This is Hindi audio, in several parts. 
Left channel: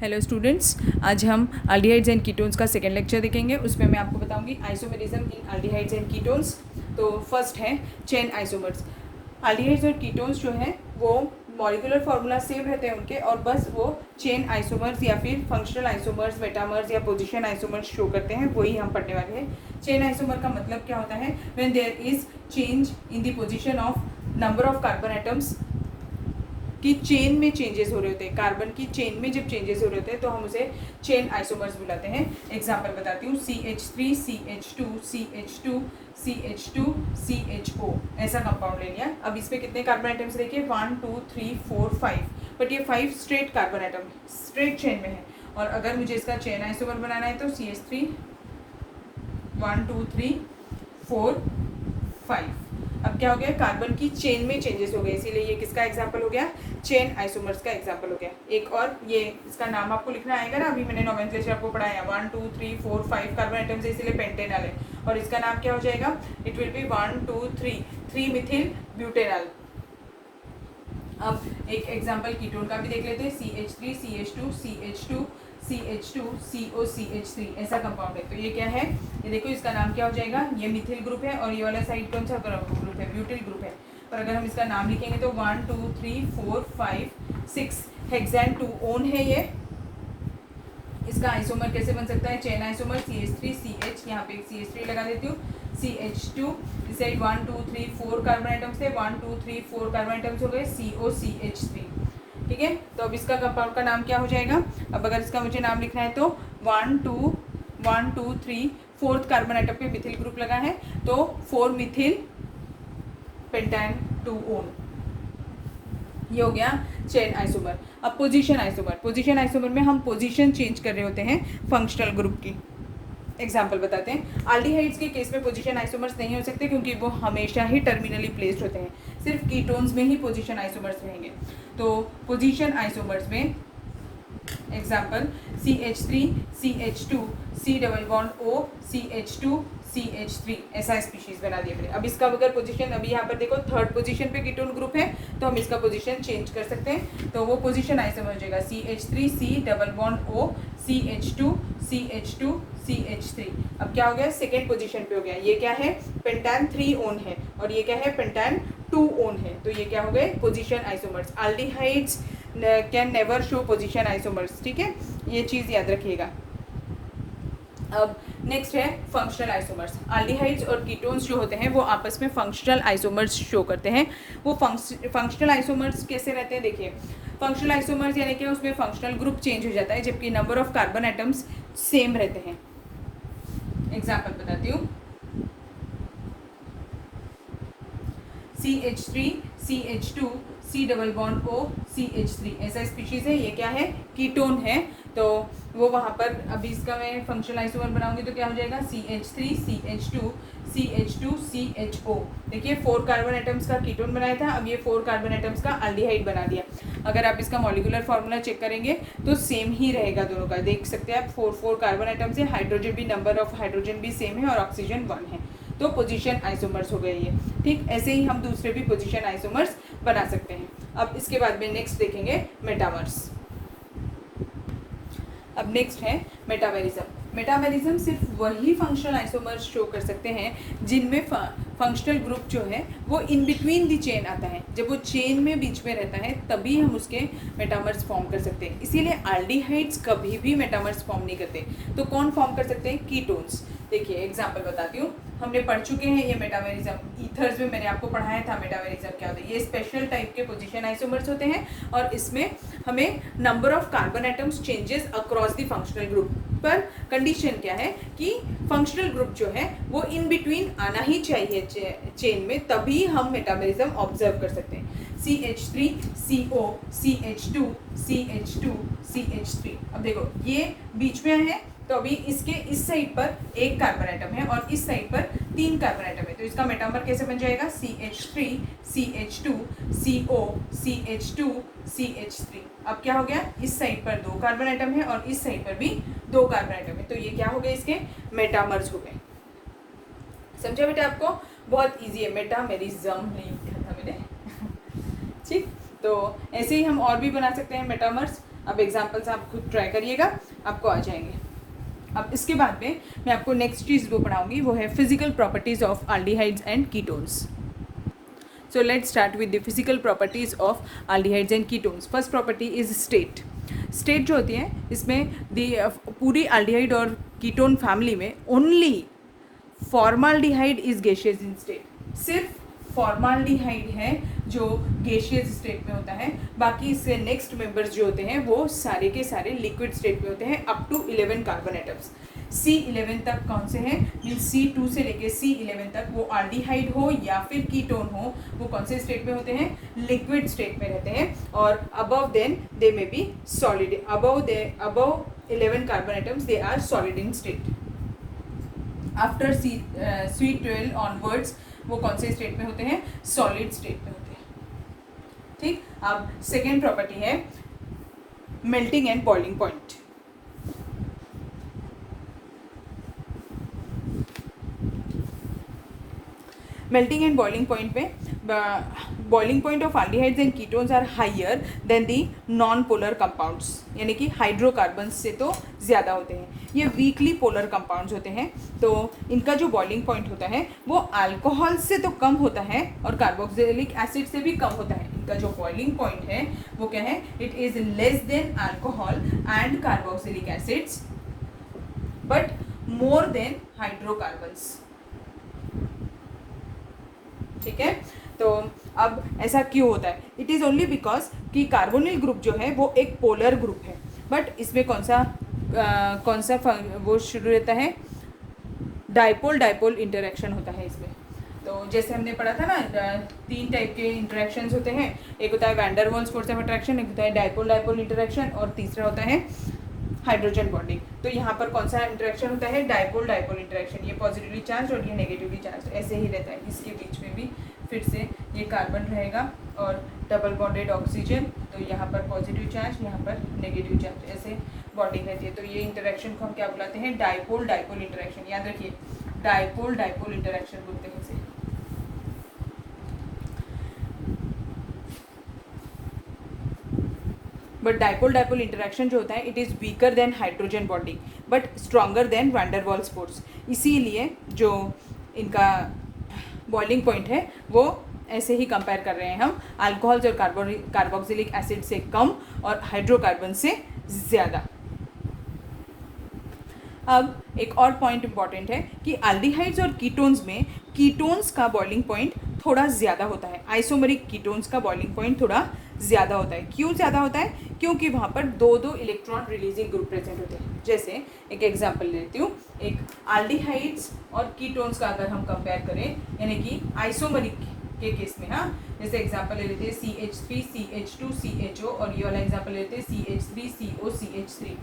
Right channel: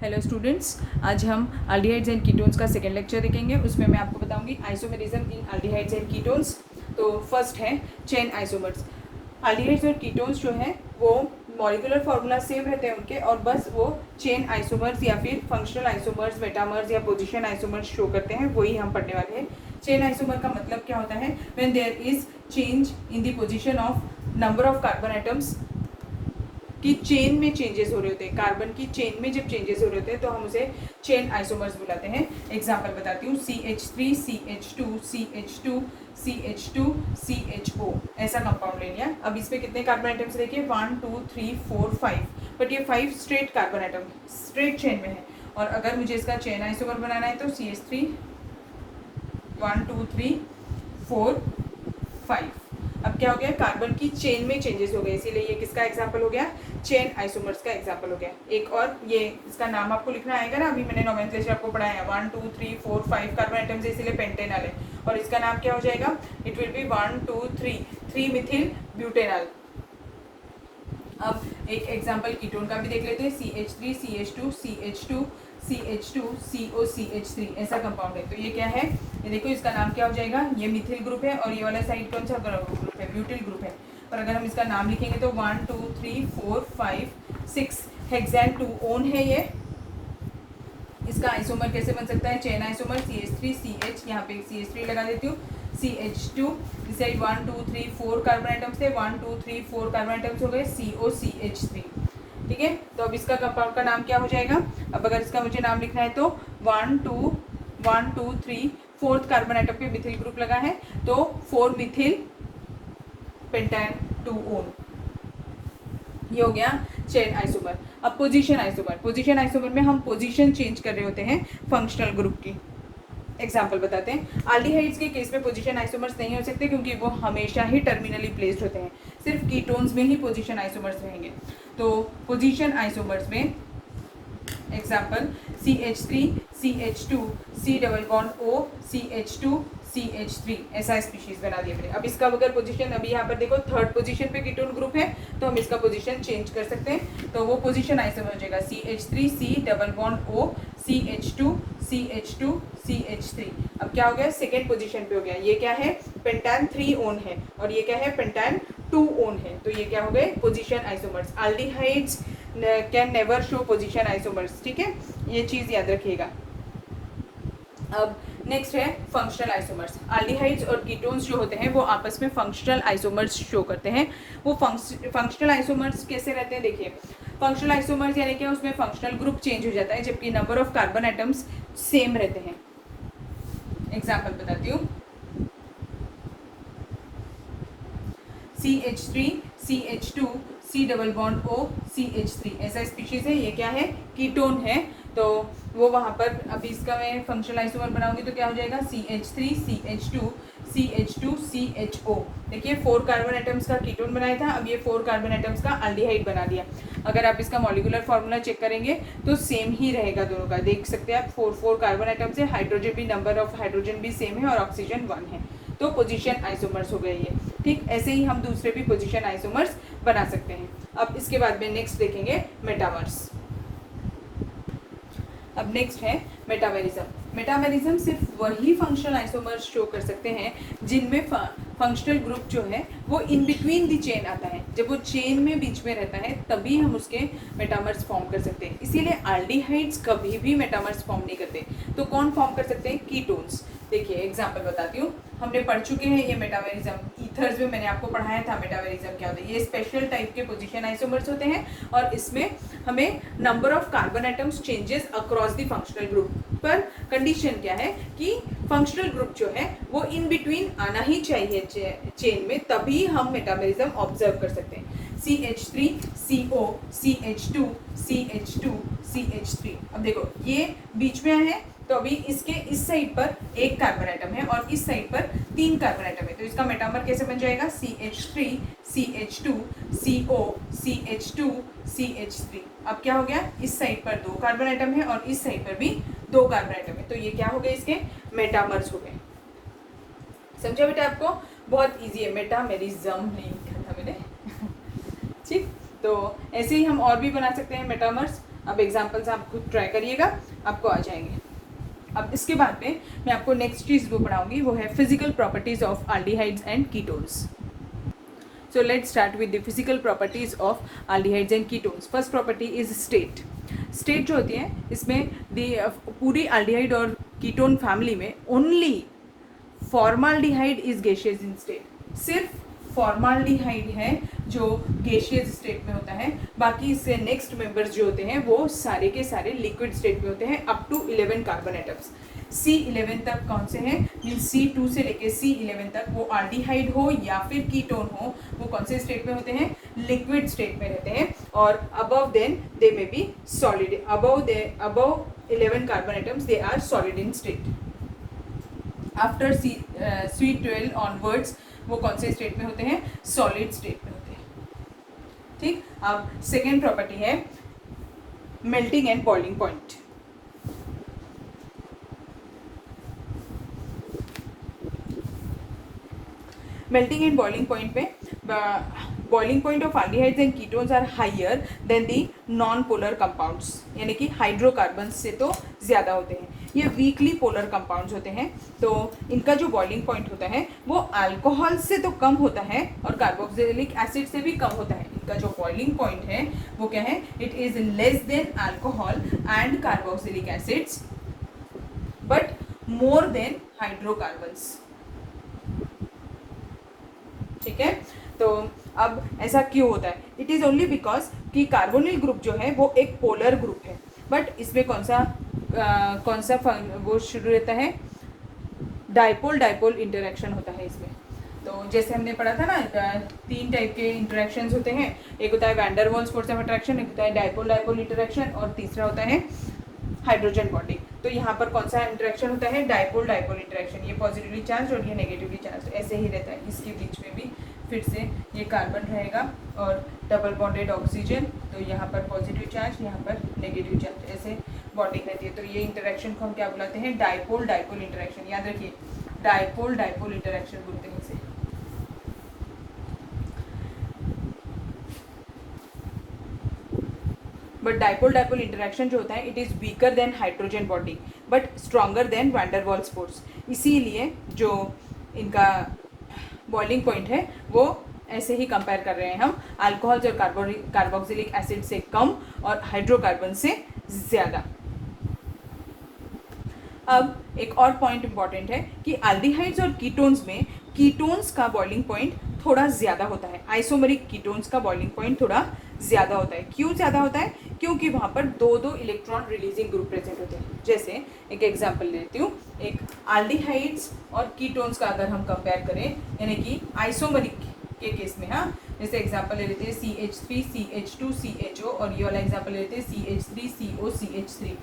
हेलो स्टूडेंट्स, आज हम अल्डिहाइड्स एंड कीटोन्स का सेकेंड लेक्चर देखेंगे। उसमें मैं आपको बताऊंगी isomerism in aldehydes and ketones. तो फर्स्ट है चेन आइसोमर्स। अल्डिहाइड्स और कीटोन्स जो है वो मॉलिक्यूलर फार्मूला सेम रहते हैं उनके, और बस वो चेन आइसोमर्स या फिर फंक्शनल आइसोमर्स, मेटामर्स या पोजिशन आइसोमर्स शो करते हैं, वही हम पढ़ने वाले हैं। चेन आइसोमर का मतलब क्या होता है? When there is change in the position of number of carbon atoms कि चेन में चेंजेस हो रहे होते हैं, कार्बन की चेन में जब चेंजेस हो रहे होते हैं तो हम उसे चेन आइसोमर्स बुलाते हैं। एग्जांपल बताती हूँ, CH3 CH2 CH2 CH2 CHO ऐसा कंपाउंड ले लिया। अब इसमें कितने कार्बन आइटम्स देखिए, 1 2 3 4 5, बट ये 5 straight carbon atom straight chain में है। और अगर मुझे इसका चेन आइसोमर बनाना है तो CH3 1 2 3 4 5। अब क्या हो गया, कार्बन की चेन में चेंजेस हो गए, इसीलिए ये किसका एग्जांपल हो गया? चेन आइसोमर्स का एग्जांपल हो गया। एक और ये इसका नाम आपको लिखना आएगा ना, अभी मैंने नोमेनक्लेचर आपको पढ़ाया 1 2 3 4 5 कार्बन आइटम्स है, इसीलिए पेंटेनॉल है। और इसका नाम क्या हो जाएगा? It will be 1 2 3 Mithil butanol. अब एक एग्जांपल कीटोन का भी देख लेते हैं, CH3 CH2 CH2 CH2 CO CH3 ऐसा कंपाउंड है। तो ये क्या है? ये देखो, इसका नाम क्या हो जाएगा? ये मिथिल ग्रुप है, और ये वाला साइड कौन सा ग्रुप है? ब्यूटिल ग्रुप है। पर अगर हम इसका नाम लिखेंगे तो 1 2 3 4 5 6 हेक्सेन 2 ओन है ये। इसका आइसोमर कैसे बन सकता है? चेन आइसोमर CH3 CH, यहाँ पे CH3 लगा लेती हूँ, CH2 इस साइड 1 2 3 4 कार्बन आइटम्स थे, 1 2 3 4 कार्बन आइटम्स हो गए, CO CH3। ठीक है, तो अब इसका कंपाउंड का नाम क्या हो जाएगा? अब अगर इसका मुझे नाम लिखना है तो 1 2 3 फोर्थ कार्बन आइटम पे मिथिल ग्रुप लगा है, तो 4 मिथिल पेंटान 2 ओन, ये हो गया चेन आइसोमर। अब पोजीशन आइसोमर, पोजीशन आइसोमर में हम पोजीशन चेंज कर रहे होते हैं फंक्शनल ग्रुप की। एग्जाम्पल बताते हैं। एल्डिहाइड्स के केस में पोजीशन आइसोमर्स नहीं हो सकते क्योंकि वो हमेशा ही टर्मिनली प्लेस्ड होते हैं, सिर्फ कीटोन्स में ही पोजीशन आइसोमर्स रहेंगे। तो पोजीशन आइसोमर्स में example CH3 CH2 C double bond O CH2 CH3 ऐसा स्पीशीज बना दिया मैंने। अब इसका अगर पोजीशन, अभी यहाँ पर देखो थर्ड पोजीशन पे कीटोन ग्रुप है, तो हम इसका पोजीशन चेंज कर सकते हैं। तो वो पोजीशन आइसोमर हो जाएगा CH3 C double bond O CH2 CH2 CH3। अब क्या हो गया? सेकेंड पोजीशन पे हो गया। ये क्या है? पेंटान 3 ओन है, और ये क्या है? पेंटान 2 ओन है। तो ये क्या हो गए? Position isomers. Aldehydes can never show position isomers. ठीक है, ये चीज याद रखिएगा। अब नेक्स्ट है फंक्शनल आइसोमर्स। एल्डिहाइड्स और कीटोन्स जो होते हैं वो आपस में फंक्शनल आइसोमर्स शो करते हैं। वो फंक्शनल आइसोमर्स कैसे रहते हैं? देखिए, फंक्शनल आइसोमर्स यानी क्या, उसमें फंक्शनल ग्रुप चेंज हो जाता है जबकि number of carbon atoms same रहते हैं। एग्जाम्पल बताती हूँ, CH3 CH2 C double bond O CH3 ऐसा स्पीशीज है। ये क्या है? कीटोन है। तो वो वहाँ पर, अभी इसका मैं फंक्शनल आइसोमर बनाऊंगी तो क्या हो जाएगा? CH3 CH2 CH2 CHO। देखिए 4 कार्बन आइटम्स का कीटोन बनाया था, अब ये 4 कार्बन आइटम्स का एल्डिहाइड बना दिया। अगर आप इसका मॉलिक्यूलर फार्मूला चेक करेंगे तो सेम ही रहेगा दोनों का। देख सकते हैं आप, 4 कार्बन आइटम्स है, हाइड्रोजन भी, नंबर ऑफ हाइड्रोजन भी सेम है, और ऑक्सीजन 1 है। तो पोजीशन आइसोमर्स हो गए ये। ठीक, ऐसे ही हम दूसरे भी पोजीशन आइसोमर्स बना सकते हैं। अब इसके बाद में नेक्स्ट देखेंगे मेटामर्स। अब नेक्स्ट है मेटामेरिज्म। मेटामेरिज्म सिर्फ वही फंक्शनल आइसोमर्स शो कर सकते हैं जिनमें फंक्शनल ग्रुप जो है वो इन बिटवीन दी चेन आता है। जब वो चेन में बीच में रहता है तभी हम उसके मेटामर्स फॉर्म कर सकते हैं। इसीलिए एल्डिहाइड्स कभी भी मेटामर्स फॉर्म नहीं करते। तो कौन फॉर्म कर सकते हैं? कीटोन्स। देखिए एग्जांपल बताती हूँ, हमने पढ़ चुके हैं ये मेटामेरिज्म। ईथर्स में मैंने आपको पढ़ाया था मेटामेरिज्म क्या होता है। ये स्पेशल टाइप के पोजीशन आइसोमर्स होते हैं, और इसमें हमें number of carbon atoms changes across the functional group. पर कंडीशन क्या है कि फंक्शनल ग्रुप जो है वो इन बिटवीन आना ही चाहिए चेन में, तभी हम मेटामेरिज्म ऑब्जर्व कर सकते हैं। CH3 CO CH2 CH2 CH3। अब देखो ये बीच में है, तो अभी इसके इस साइड पर 1 कार्बन आइटम है और इस साइड पर 3 कार्बन आइटम है, तो इसका मेटामर कैसे बन जाएगा? CH3 CH2 CO CH2 CH3। अब क्या हो गया? इस साइड पर 2 कार्बन आइटम है और इस साइड पर भी 2 कार्बन आइटम है, तो ये क्या हो गए? इसके मेटामर्स हो गए। समझे बेटे? आपको बहुत इजी है, मेटामेरिज्म नहीं लिखा था मैंने। ठीक, तो ऐसे ही हम और भी बना सकते हैं मेटामर्स। अब एग्जाम्पल्स आप खुद ट्राई करिएगा, आपको आ जाएंगे। अब इसके बाद में मैं आपको नेक्स्ट चीज़ जो पढ़ाऊंगी वो है physical properties of aldehydes and ketones. So let's start with the physical properties of aldehydes and ketones. First property is state. State जो होती है इसमें पूरी aldehyde और ketone family में only formaldehyde is gaseous in state. सिर्फ formaldehyde है जो gaseous state में होता है, बाकी इससे नेक्स्ट मेंबर्स जो होते हैं वो सारे के सारे लिक्विड स्टेट में होते हैं up to 11 carbon atoms. C11 तक कौन से हैं, C2 से लेके C11 तक वो एल्डिहाइड हो या फिर कीटोन हो, वो कौन से स्टेट में होते हैं, लिक्विड स्टेट में रहते हैं। और above then they may be solid, above 11 carbon atoms they are solid in state. After C12 onwards वो कौन से स्टेट में होते हैं, सॉलिड स्टेट में होते हैं। ठीक, अब सेकेंड प्रॉपर्टी है melting and boiling point. Melting and boiling point पे boiling point of aldehydes and ketones are higher than the non polar compounds, यानी कि हाइड्रोकार्बन से तो ज़्यादा होते हैं। ये वीकली पोलर कंपाउंड्स होते हैं, तो इनका जो बॉइलिंग पॉइंट होता है वो अल्कोहल से तो कम होता है और कार्बोक्सिलिक एसिड से भी कम होता है। इनका जो बॉइलिंग पॉइंट है वो क्या है, it is less than alcohol and carboxylic acids but more than hydrocarbons. ठीक है, तो अब ऐसा क्यों होता है, इट इज ओनली बिकॉज कि कार्बोनिल ग्रुप जो है वो एक पोलर ग्रुप है, बट इसमें कौन सा वो शुरू रहता है, डाइपोल डाइपोल इंटरेक्शन होता है इसमें। तो जैसे हमने पढ़ा था ना, 3 टाइप के इंटरेक्शंस होते हैं, एक होता है van der Waals force of attraction, एक होता है डाइपोल डाइपोल इंटरेक्शन और तीसरा होता है हाइड्रोजन बॉन्डिंग। तो यहाँ पर कौन सा इंटरेक्शन होता है, डाइपोल डाइपोल इंटरेक्शन। ये पॉजिटिवली चार्ज और ये नेगेटिवली चार्ज ऐसे ही रहता है। इसके बीच में भी फिर से ये कार्बन रहेगा और डबल बॉन्डेड ऑक्सीजन, तो यहाँ पर पॉजिटिव चार्ज, यहाँ पर नेगेटिव चार्ज, ऐसे बॉन्डिंग रहती है। तो ये इंटरेक्शन को हम क्या बुलाते हैं, डाइपोल डाइपोल इंटरेक्शन। याद रखिए, डाइपोल डाइपोल इंटरेक्शन बोलते हैं इसे। बट डाइपोल डाइपोल इंटरेक्शन जो होता है it is weaker than hydrogen bonding but stronger than van der Waals force. इसीलिए जो इनका बॉइलिंग पॉइंट है वो ऐसे ही कंपेयर कर रहे हैं हम, अल्कोहल्स और कार्बोक्सिलिक एसिड से कम और हाइड्रोकार्बन से ज़्यादा। अब एक और पॉइंट इंपॉर्टेंट है कि एल्डिहाइड्स और कीटोन्स में कीटोन्स का बॉइलिंग पॉइंट थोड़ा ज़्यादा होता है, आइसोमेरिक कीटोन्स का बॉइलिंग पॉइंट थोड़ा ज़्यादा होता है। क्यों ज़्यादा होता है, क्योंकि वहाँ पर 2 इलेक्ट्रॉन रिलीजिंग ग्रुप प्रेजेंट होते हैं। जैसे एक एग्जांपल लेती हूँ, एक एल्डिहाइड्स और कीटोन्स का अगर हम कंपेयर करें, यानी कि आइसोमेरिक के केस में, हाँ, जैसे एग्जांपल ले लेते हैं CH3 CH2 CHO और ये वाला एग्जांपल ले लेते हैं CH3 CO CH3।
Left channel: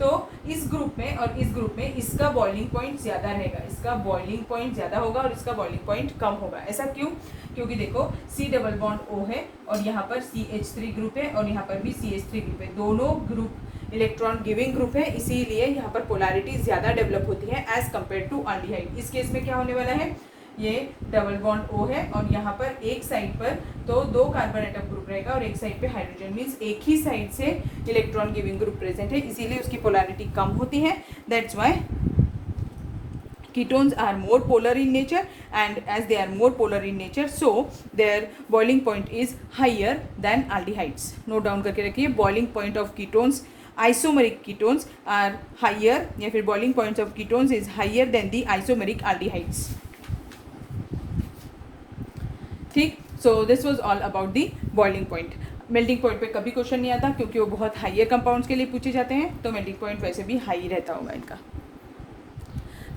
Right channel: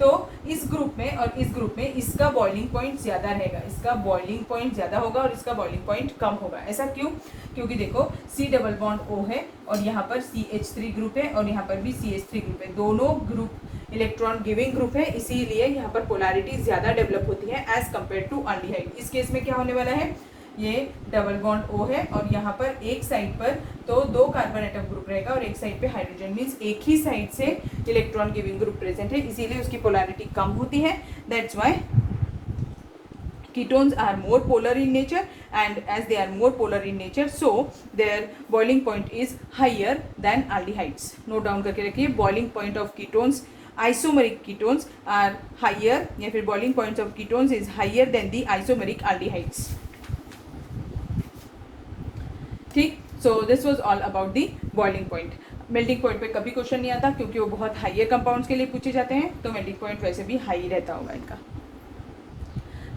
तो इस ग्रुप में और इस ग्रुप में इसका बॉइलिंग पॉइंट ज़्यादा रहेगा, इसका बॉइलिंग पॉइंट ज़्यादा होगा और इसका बॉइलिंग पॉइंट कम होगा। ऐसा क्यों, क्योंकि देखो C डबल बॉन्ड O है और यहाँ पर CH3 ग्रुप है और यहाँ पर भी CH3 ग्रुप है, दोनों ग्रुप इलेक्ट्रॉन गिविंग ग्रुप है, इसीलिए यहाँ पर पोलैरिटी ज़्यादा डेवलप होती है एज कम्पेयर टू एल्डिहाइड। इस केस में क्या होने वाला है, ये डबल बॉन्ड O है और यहाँ पर एक साइड पर तो 2 कार्बन एटम ग्रुप रहेगा और एक साइड पे हाइड्रोजन, मीन्स एक ही साइड से इलेक्ट्रॉन गिविंग ग्रुप प्रेजेंट है, इसीलिए उसकी पोलैरिटी कम होती है। That's why ketones are more polar in nature, and as they are more polar in nature, so their boiling point is higher than aldehydes. Note down करके रखिए, boiling point of ketones, isomeric ketones are higher, या फिर boiling points of ketones is higher than the isomeric aldehydes. ठीक, so this was all about the boiling point. Melting point पे कभी क्वेश्चन नहीं आता क्योंकि वो बहुत हाइयर कंपाउंड्स के लिए पूछे जाते हैं, तो मेल्टिंग पॉइंट वैसे भी हाई रहता होगा इनका।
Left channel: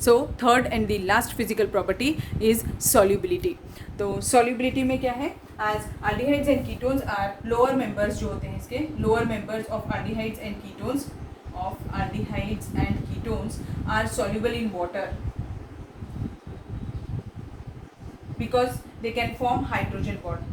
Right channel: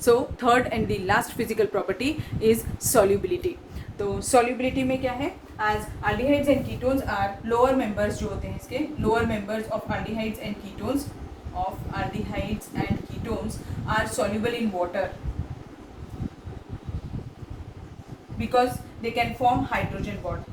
So third and the last physical property is solubility. तो solubility में क्या है, as aldehydes and ketones are lower members जो होते हैं इसके, lower members of aldehydes and ketones are soluble in water because they can form hydrogen bond.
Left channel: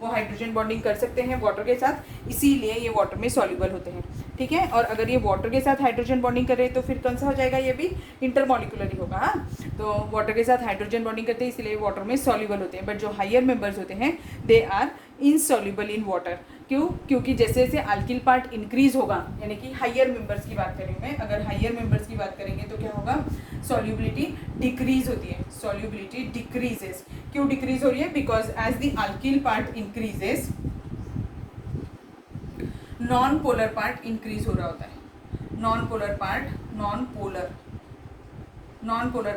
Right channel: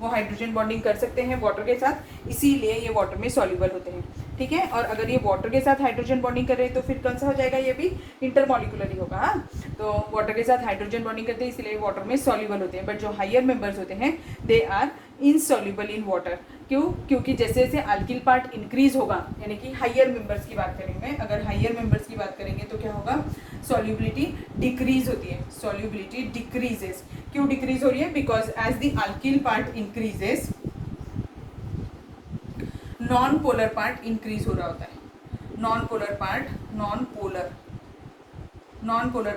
वो हाइड्रोजन बॉन्डिंग कर सकते हैं वाटर के साथ, इसीलिए ये वाटर में सॉल्यूबल होते हैं। ठीक है। और अगर ये वाटर के साथ हाइड्रोजन बॉन्डिंग कर रहे हैं तो फिर कौन सा हो जाएगा, ये भी इंटरमॉलिकुलर ही होगा। तो वाटर के साथ हाइड्रोजन बॉन्डिंग करते हैं इसलिए वाटर में सॉल्युबल होते हैं, बट जो हायर मेंबर्स होते हैं they are insoluble in water. क्यों? क्योंकि जैसे जैसे अल्किल पार्ट इंक्रीज होगा, यानी कि हायर मेंबर्स की बात करूँ मैं, अगर हायर मेंबर्स की बात करेंगे तो क्या होगा, सॉल्युबिलिटी डिक्रीज होती है, सॉल्युबिलिटी डिक्रीजेस। क्यों डिक्रीज हो रही है? Because as the alkyl part increases non polar part increase हो रहा होता है, नॉन पोलर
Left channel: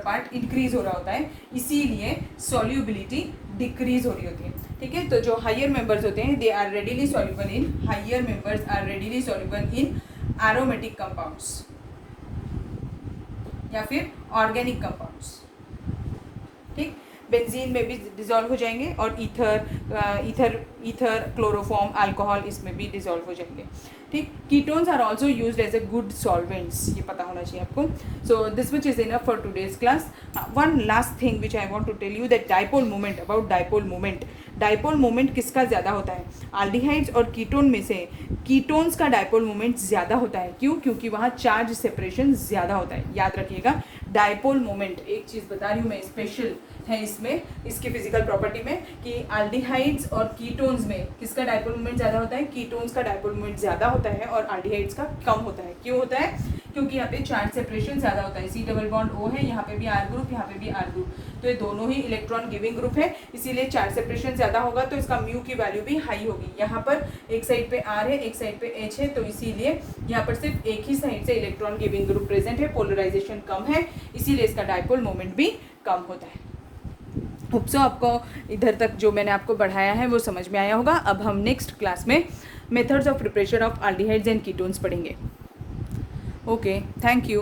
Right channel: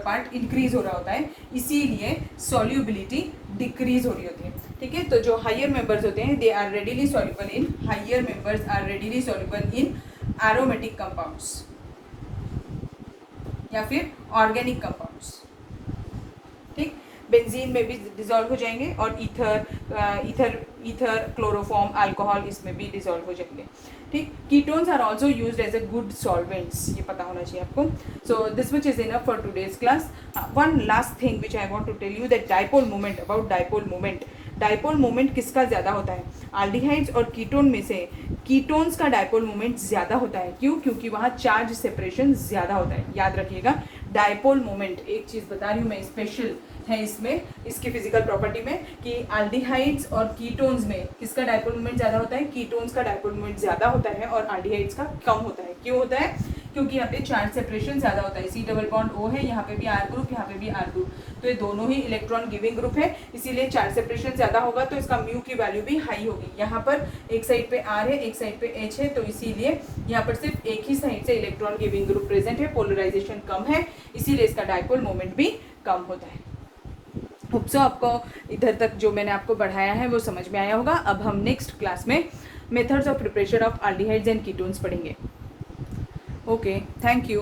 पार्ट इंक्रीज हो रहा होता है, इसीलिए सॉल्युबिलिटी डिक्रीज हो रही होती है। ठीक है, तो जो हायर मेंबर्स होते हैं they are readily soluble in aromatic compounds या फिर ऑर्गेनिक कंपाउंड्स। ठीक, बेंजीन में भी डिजॉल्व हो जाएंगे और ईथर क्लोरोफॉर्म अल्कोहल इसमें भी डिजॉल्व हो जाएंगे। ठीक, ketones are also used as a good solvents, ये पता होना चाहिए आपको। So this which is enough for today's class. One last thing which I want to tell you that dipole moment, about dipole moment किसका ज़्यादा होता है? अल्डिहाइड्स और कीटोन में से कीटोन्स का डाइपोल मोमेंट ज़्यादा होता है। क्यों? क्योंकि वहाँ चार्ज सेपरेशन ज़्यादा होता है। याद रखिएगा, डाइपोल मोमेंट, एक चीज़ बता रही हूँ मैं स्पेशल है इसमें, इसकी फिजिकल प्रॉपर्टी में, कि अल्डिहाइड्स और कीटोन्स में किसका डाइपोल मोमेंट ज़्यादा होता है? कीटोन्स का डाइपोल मोमेंट ज़्यादा होता है और अल्डिहाइड्स का कम होता है। क्यों होता है? क्योंकि यहाँ पे चार्ज सेपरेशन ज़्यादा होता है। C डबल बॉन्ड O है, यहाँ पे भी R ग्रुप, यहाँ पे भी R ग्रुप, तो ये दोनों ही इलेक्ट्रॉन गिविंग ग्रुप है, इसीलिए चार्ज सेपरेशन ज़्यादा होगा तो इसका म्यू की वैल्यू भी हाई होगी। यहाँ पर एक साइड पे R है, एक साइड पे H है, तो इसीलिए यहाँ पर सिर्फ एक ही साइड से इलेक्ट्रॉन गिविंग ग्रुप प्रेजेंट है, पोलराइजेशन कम है, इसीलिए इसका डाइपोल मोमेंट भी कम होता है। होप सो आपको इधर तक जो मैंने आपको बढ़ाया है वो समझ में आया होगा। अब हम नेक्स्ट क्लास में methods of preparation of aldehydes and ketones पढ़ेंगे। Okay, thank you.